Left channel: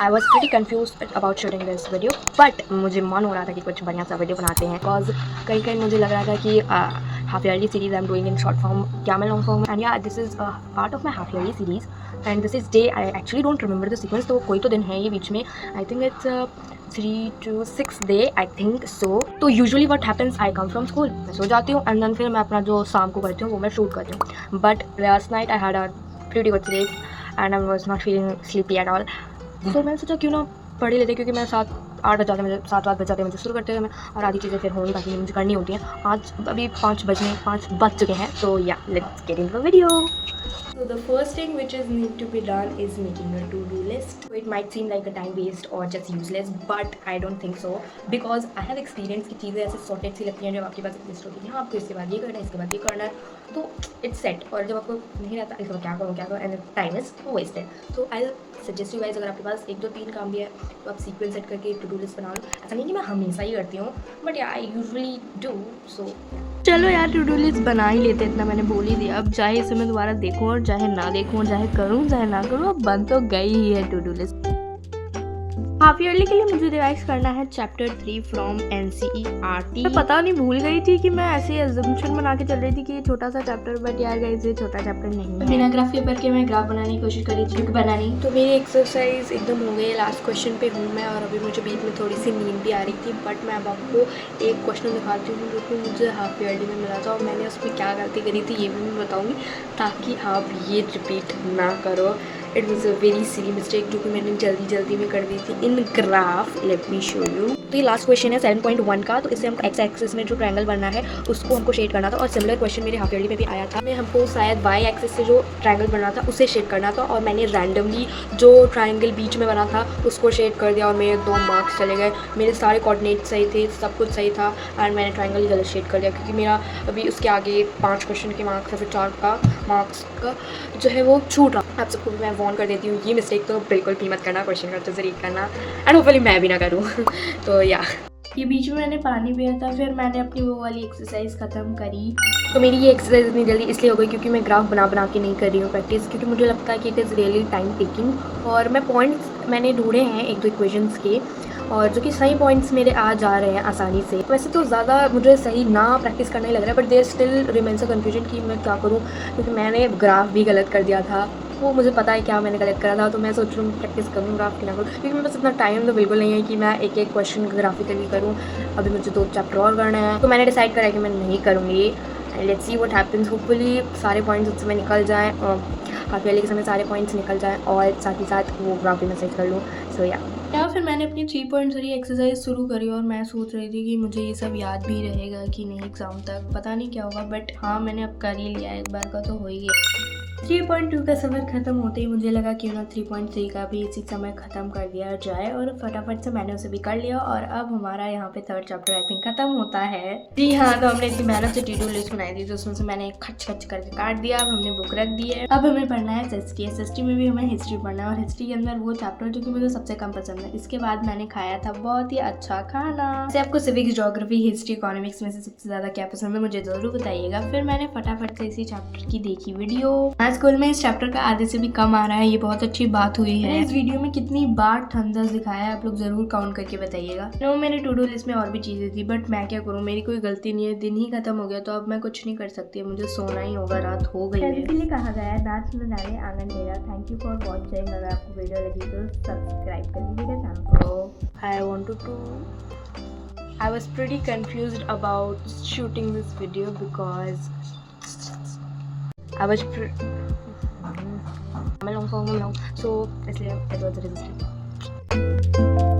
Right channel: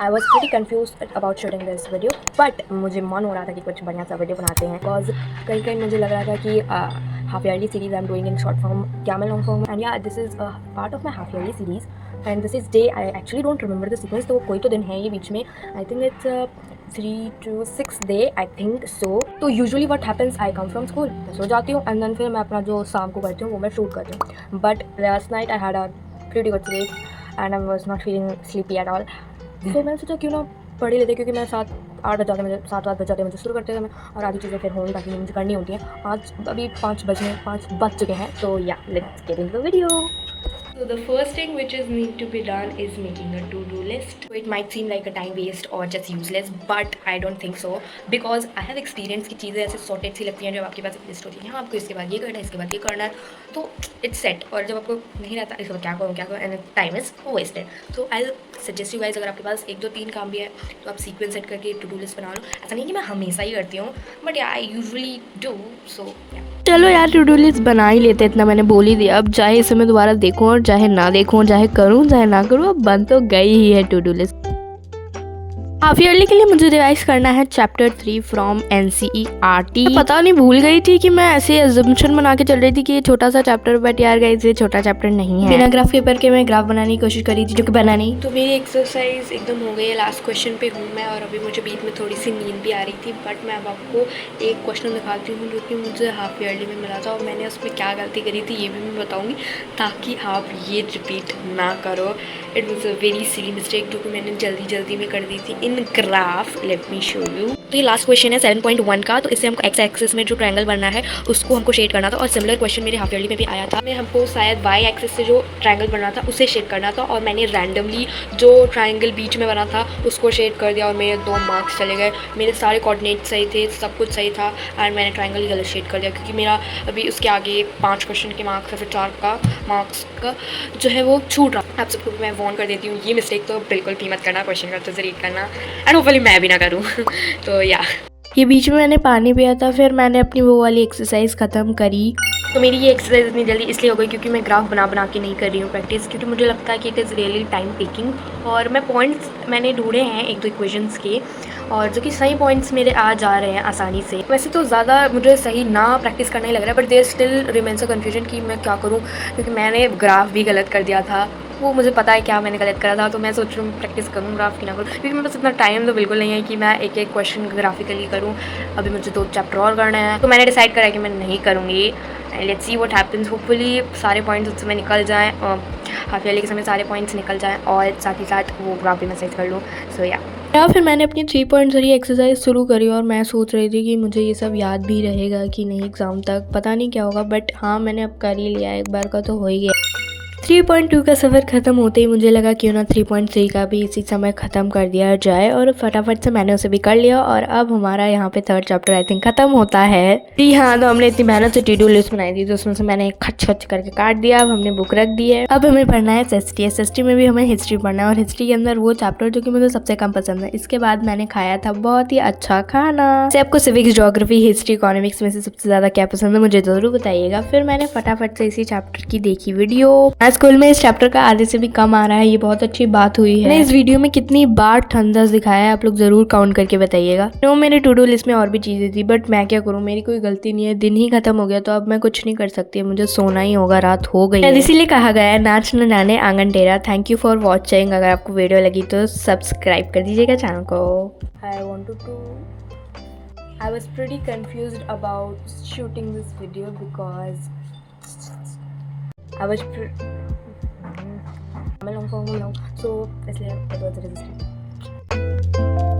I was pretty confuse about shooting this video, but मुझे मन हो रहा था कि कुछ बढ़िया सा वीडियो बनाते हैं, बिकॉज कहीं कहीं मुझे लग रहा था कि half yearly series I am doing in short form क्या मैं लॉन्ग फॉर्म, एंड या this is part of my half yearly series and this is day I actually don't remember the sequence, तो कोई तो दिन है ये बीच में, I think it's 3 to 6 day I think so. तो usually what happens, I come from school, मैं सो जाती हूँ एंड देन फिर मैं अपना जो शाम को करती हूँ वो मैं शूट करती हूँ, but last night I had a pretty good sleep and I was not feeling sleepy at all. So मैंने सोचा क्यों ना पढ़ ही लेते, क्योंकि मैं 7-8 बज जाते मुझे, 7-8 बज जाते मुझे शुरू करते हुए मैं, और आधी चीज़ें फिर होंगी बाकी मुझे करनी होती हैं। आज अभी 5 बज चुके हैं, तो या let's get into the video. So the first thing which is need to be done is making a to-do list. So it might seem like a time waste or just useless, but I don't think so, because I have experience कि चीज़ें ऐसे sorted सी लगती हैं जब आपके पास एक list होती है, हाँ आपको इसके बाद ये करना है, इसके बाद ये करना है, तो इट्स सेट, और जब आपको नहीं रहता इसके बाद क्या करूँ and time is wasted. So I suggest you guys, अगर आपके पास 1-2-3 काम भी है तो आप सीक्वेंस सेट करके टू डू लिस्ट बना लो। ऐसा नहीं कि मैं हमेशा ही करती हूँ, बट या आई यूजुअली डू। सो चलो यार टू डू लिस्ट बना ही लेते, इतना मैंने बोल ही दिया। अब चाहे इसे मैं दोबारा देखूँ और चाहे ना देखूँ, चाहे करूँ चाहे ना करूँ, अब बन तो गई ही है to do list. Half yearly के लिए मुझे रिवाइज करना है चैप्टर 3 फ्रॉम NCERT। पता नहीं भूल गई थी कि मैं ऐसे एजम्पशन बना के चल रही थी कि ये छोटा सा चैप्टर, बट यार गाइस ये छोटा चैप्टर नहीं है। बिना ग्राफ पेपर के मैं ग्राफ बनाने की कोशिश करी थी जो कि बना नहीं, तो मेरी एक्सरसाइज एकदम हो गई है। लास्ट क्वेश्चन पे हूँ मैं, और अभी मुझे बीच में थोड़ी सी नींद भी आ रही थी, बट मैं अब आपको एक क्वेश्चन दिखाती हूँ जो कि मुझे हाफ ईयरली में मिला था, और मैंने उसमें क्या गलती करी थी ये भी मैं बताऊँगी, ताकि आप ये रिपीट ना करो। It was a very silly mistake जो कि मैंने जल्दी में कर दी थी in graph. Let me show you. तो ये लास्ट क्वेश्चन है 7.1 का, तो इससे हमको एक्स एक्सिस में जो ट्रायंगल बनना है उसको हमको शेड करना था, और सिमिलर क्वेश्चन मेरे हाफ ईयरली में भी आया था। मैं हमको शायद वाई एक्सिस से जो ट्रायंगल बनना था उसे शेड करना था, और मैंने रैंडमली जो ट्रायंगल बीच में बना था उसको शेड कर दिया, और मेरे 2 मार्क्स चले गए। मेरे सारे कोऑर्डिनेट सही थे, सब कुछ सही था, एंड मैंने ट्रायंगल ही गलत शेड कर दिया, क्योंकि मेरा अभी उसके आगे 5 क्वेश्चन के मार्क्स या फिर 4 का मार्क्स का जो है वो छूट रहा। आप सबको मैं वॉर्न कर देती हूँ, ये मिस्टेक तो बिल्कुल भी मत करना, क्वेश्चन करते ज़रूर करना, एंड होपफुली मैं भी ना करूँ। तो या ये बीच में मैंने पानी पिया था, फिर मैंने अपनी वो वाली एक्सरसाइज ख़त्म करी। तो मेरी ये एक्सरसाइज इतनी जल्दी इसलिए हो गई क्योंकि मैं ग्राफ बना के नहीं कर रही हूँ प्रैक्टिस, क्योंकि मुझे लगता है कि it is really time taking, और मैं पॉइंट्स मैंने ढूंढे हैं 1-2 इक्वेशंस के, और जो कि सही पॉइंट्स मेरे आ जा रहे हैं आसानी से। वैसे तो ज़्यादा मुझे सही ना प्रैक्टिस करना ही लग रहा है, but there still remains a confusion कि मैं क्या करूँ, क्योंकि मैंने ग्राफ भी गलत कर दिया था। वो मुझे पता है क्या मैंने गलत करा था, तो मैं सोच रही हूँ प्रैक्टिस करूँ ग्राफ की ना करूँ, क्योंकि मेरे पास इतना टाइम तो बिल्कुल नहीं है कि मैं एक क्वेश्चन ग्राफिकली करूँ। अभी मुझे 2 चैप्टर और करना है, तो मैंने डिसाइड करा कि मैं नहीं करूँगी। Let's see what happens. Hopefully सारे पॉइंट्स उस समय निकल जाएँ, हाफ ईयरली के समय सारे पॉइंट्स निकल जाएँ, और साथ ही साथ वो ग्राफ भी मैं सही कर लूँ। सो या फिर मैंने अपनी 3.3 एक्सरसाइज शुरू करी, और मैं सोच रही थी कि मुझे ये सब याद भी रहेगा कि नहीं एग्ज़ाम तक, पता नहीं क्या होगा, बट हाँ मैंने अब कर ही लिया, एक बार का तो हो ही गया। 3.2 का सफ़र ख़त्म होते ही मुझे लगा क्यों ना 3.3 का भी इसी समय ख़त्म कर दिया जाए, और फटाफट से मैंने उसे भी कर लिया, और अब हमारा यहाँ पे 3rd चैप्टर आई थिंक ख़त्म होता है। जी हाँ, तो हमने इतनी मेहनत से टू डू लिस्ट बनाई थी, तो उसमें से मैंने खच खच करके काट दिया। अब हमने बुक रख दी है, अब हमें पढ़ना है SST में भी हमें हिस्ट्री पढ़ना है, और हिस्ट्री के अंदर वो चैप्टर जो कि मुझे सबसे कम पसंद है। इसके बाद मैंने खाया था बहुत ही अच्छा खाना। से आपको सिविक्स, ज्योग्राफी, हिस्ट्री, इकोनॉमिक्स में से सबसे ज़्यादा क्या पसंद है मुझे ज़रूर बताइएगा। फिर मैंने फटाफट से इसी चैप्टर की देखी वीडियो। स्कूल में इस चैप्टर का आधे से भी कम आ रहा है, ये बहुत अच्छी बात हुई है। इस वीडियो में कितनी बार ठंडस दिखाया है आप लोग जरूर काउंट करके बताइएगा। नो, मेरे टू डू लिस्ट में और भी चीजें थी, बट मैं क्या करूँ, मेरी कोई गलती नहीं है, दिन ही खत्म हो गया, तो अब मैं कुछ नहीं कर सकती, मुझे सोना ही होगा, रात हो गई है। इसीलिए कहा गया है नाच न जाने आंगन टेढ़ा। Thank you for watching. अगर आपको वीडियो लगी तो सब्सक्राइब कर दीजिएगा चैनल को। I was pretty confused about shooting this video because I was I'm a long form now, so इसलिए it was resistant.